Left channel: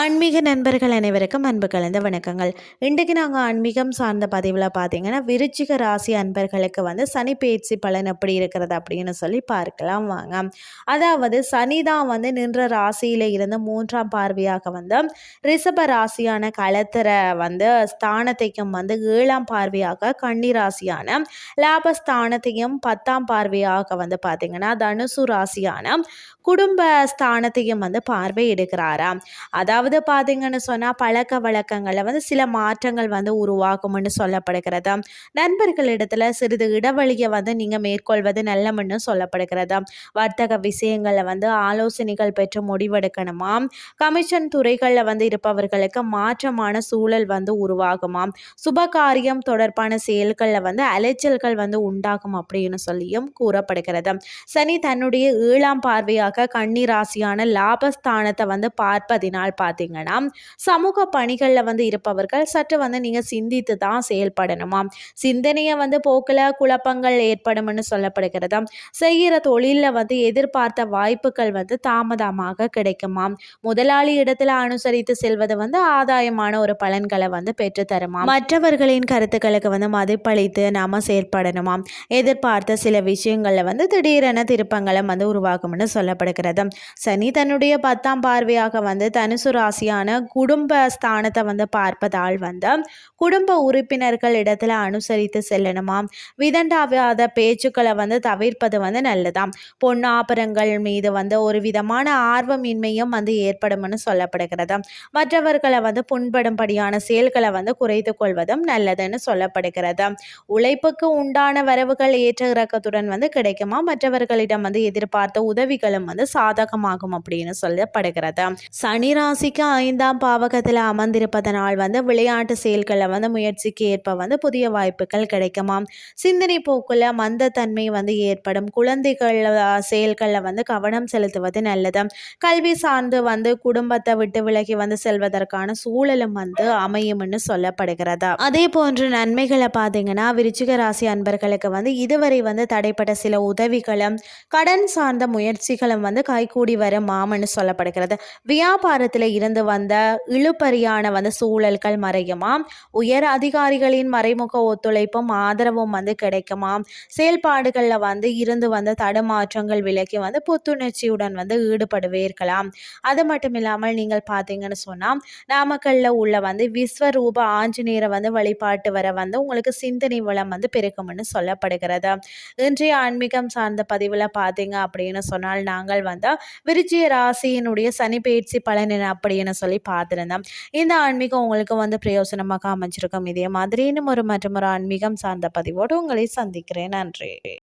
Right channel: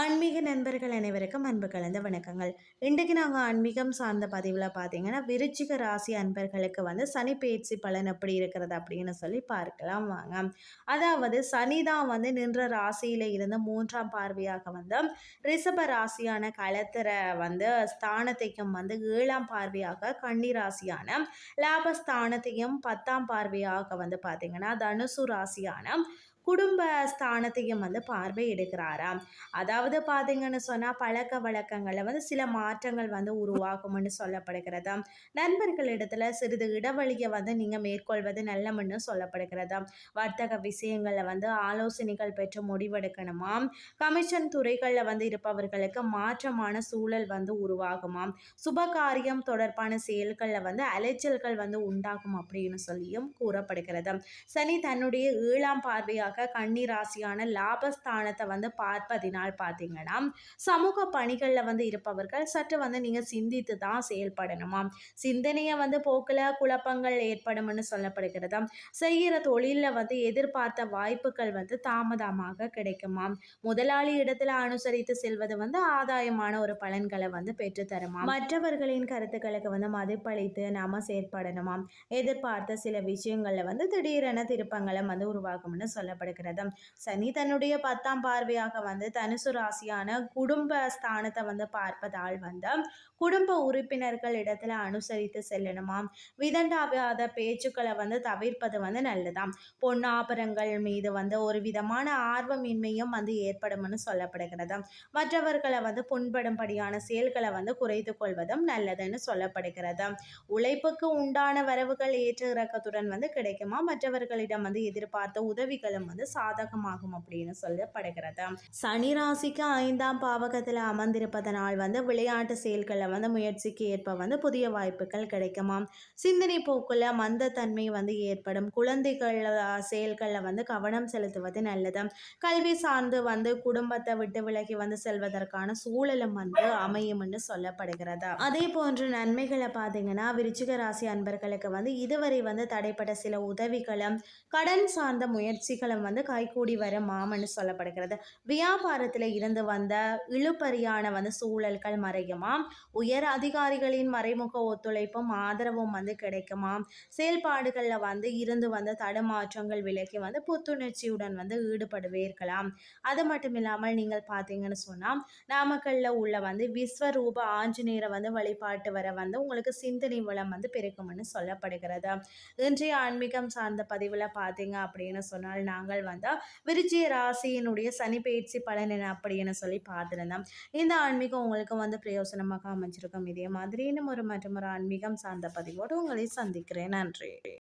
ஆன்மீக நண்பர்கள் அனைவருக்கும் அன்பு கலந்த வணக்கங்கள். இன்றைக்கு நாங்கள் ஆன்மீகம் சார்ந்த பதிவில் பார்த்தீங்கன்னா விருச்சிக ராசி அன்பர்களுக்கு வந்து சனி பயிற்சி பலன் எப்படி இருக்கிறது அப்படின்னு சொல்லி பார்க்கலாம் வாங்க. அதாவது சனி தான் வந்து நின்ற ராசியில் இருந்து மூன்றாம் பார்வையாக வந்து ரிஷப ராசியான களத்திர வந்து ஸ்தானத்தையும் வந்து ஏழாம் பார்வையாக கன்னி ராசியான லாபஸ்தானத்தையும் பத்தாம் பார்வையாக வந்து பார்த்தீங்கன்னா தனுசு ராசியான குடும்ப ஸ்தானத்தையும் வந்து பார்வை எடுக்கிறாராம். அதாவது பார்த்தீங்கன்னு சொன்னால் பழக்க வழக்கங்களில் வந்து சில மாற்றங்கள் வந்து உருவாகும்னு சொல்லப்படுகிறது. நண்பர்களிடத்தில் சிறிது இடைவெளியை வந்து நீங்கள் மேற்கொள்வது நல்லம்னு சொல்லப்படுகிறது. வர்த்தக விஷயங்களில் வந்து ஆலோசனைகள் பெற்று முடிவெடுக்கணுமா? கமிஷன் துறைகளில் வந்து இருப்பவர்களுக்கு மாற்றமான சூழல் வந்து உருவாகுமாம் சுபகாரியம் தொடர்பான செயல்களில் வந்து அலைச்சல்கள் வந்து உண்டாகும் அப்படின்னு சொல்லியும் கூறப்படுகிறது. சனி தன்னுடைய ஏழாம் பார்வையாக கண்ணீராசியான ராசியான லாபஸ்தானத்தை வந்து பார்ப்பதினால் பார்த்து பார்த்தீங்கன்னா சமூக பணிகளில் வந்து இருப்பவர்கள் சற்று வந்து நீங்கள் சிந்தித்து தான் செயல்படணுமா? சிந்தனையை வந்து போக்கில் குழப்பங்கள் ஏற்படும்னு சொல்லப்படுகிறது? செய்கிற தொழிலில் வந்து எதிர்பார்த்த வாய்ப்புகள் வந்து தாமதமாக கிடைக்குமா? முதலாளி இடத்துல அனுசரித்து செல்வது வந்து ஆதாயமான ஒரு பலன்களை வந்து பெற்றுத்தருமா மற்றவர்களின் கருத்துக்களுக்கு வந்து மதிப்பளித்து நாம செயல்படணுமா எதிர்பார்த்த சில விஷயங்களில் வந்து திடீரென திருப்பங்களை வந்து உருவாகும்னு சொல்லப்படுகிறது. சனி தன்னுடைய பத்தாம் பார்வையாக வந்து தனு தனுசு ராசியான குடும்ப ஸ்தானத்தை வந்து பார்ப்பதால் வந்து குடும்ப உறுப்பினர்கள் இடத்துல அனுசரித்து செல்லணுமாம் விதண்டாவாத பேச்சுக்களை வந்து தவிர்ப்பது வந்து நல்லதாம். பொன்னாபரங்கள் மீது வந்து ஒரு விதமான ஆர்வமின்மையும் வந்து ஏற்படும்னு சொல்லப்படுகிறது. மற்றவர்களை வந்து புண்படும்படியான செயல்களை வந்து குறைத்து கொள்வதும் நல்லதுன்னு சொல்லப்படுகிறது. உழைப்புக்கு உண்டான வரவுகள் ஏற்ற இறக்கத்துடன் வந்து கிடைக்குமா? மற்றவர்களிடம் வந்து எதிர்பார்த்த உதவிகளும் வந்து சாதகமாகும் அப்படின்னு சொல்லப்படுகிறது. சனி ராசிக்கு ஐந்தாம் பாவகத்தில் அமர்ந்திருப்பதனால் வந்து விளையாட்டு செயல்களில் வந்து முயற்சிக்கு ஏற்ப வந்து புதிய வாய்ப்புகள் கிடைக்குமாம். சிந்தனை போக்குல மந்தத்தன்மை வந்து ஏற்படும். குழந்தைகள் செயல்களில் வந்து கவனம் செலுத்துவது நல்லது. கல்வி சார்ந்து வந்து குடும்பத்தை விட்டு விலகி வந்து செல்வதற்கான சூழலும் வந்து அமையும்னு சொல்லப்படுகிறது. அதே போன்று நன்மைகளை பார்த்தீங்கன்னா விருச்சிக ராசி அன்பர்களுக்கு வந்து இதுவரை வந்து தடைப்பட்ட சில உதவிகளும் கடன் சார்ந்த முயற்சிகளும் வந்து கைகூடி வர மாமன்னு சொல்லப்படுகிறது. வியாபாரத்தில் குடும்பத்தில் இருந்து வந்த இழுபறியான வந்து சூழல்கள் மறையுமாம். உயர் அதிகாரிகளின் மறைமுக ஒத்துழைப்பும் ஆதரவும் வந்து கிடைக்குமாம். செயல்பாடுகளில் வந்து இருந்து வந்த தடுமாற்றங்கள் விலக்கி வந்து புத்துணர்ச்சியுடன் வந்து ஈடுபடுவே இருக்கலாம் அது மட்டும் இல்லாமல் நீங்கள் பார்த்தீங்கன்னு சொன்னால் நாமக்கல்ல உள்ள வந்து விஸ்வரூப ஆஞ்சநேயரை வந்து வழிபாட்டு வர வந்து உங்களுக்கு சிந்தனை வளம் வந்து பெருக்கும்னு சொல்லப்படுகிறது. இன்றைய ஆன்மீகம் சார்ந்த பதிவில் பார்த்தீங்க அப்படின்னு சொன்னால் நாங்கள் வந்து விருச்சிய ராசியினுடைய சனி பயிற்சி பலன் அப்படின்னு சொல்லி பார்த்துருந்தேன். இந்த ஆன்மீகம் உங்களுக்கு வந்து பிரயோசனமாக அமைச்சிருக்கும் இதே மாதிரி இன்னும் ஒரு மற்றும் ஒரு ஆன்மீகம் சார்ந்த பதிவோடு உங்களை சந்திக்கிறேன். நன்றி.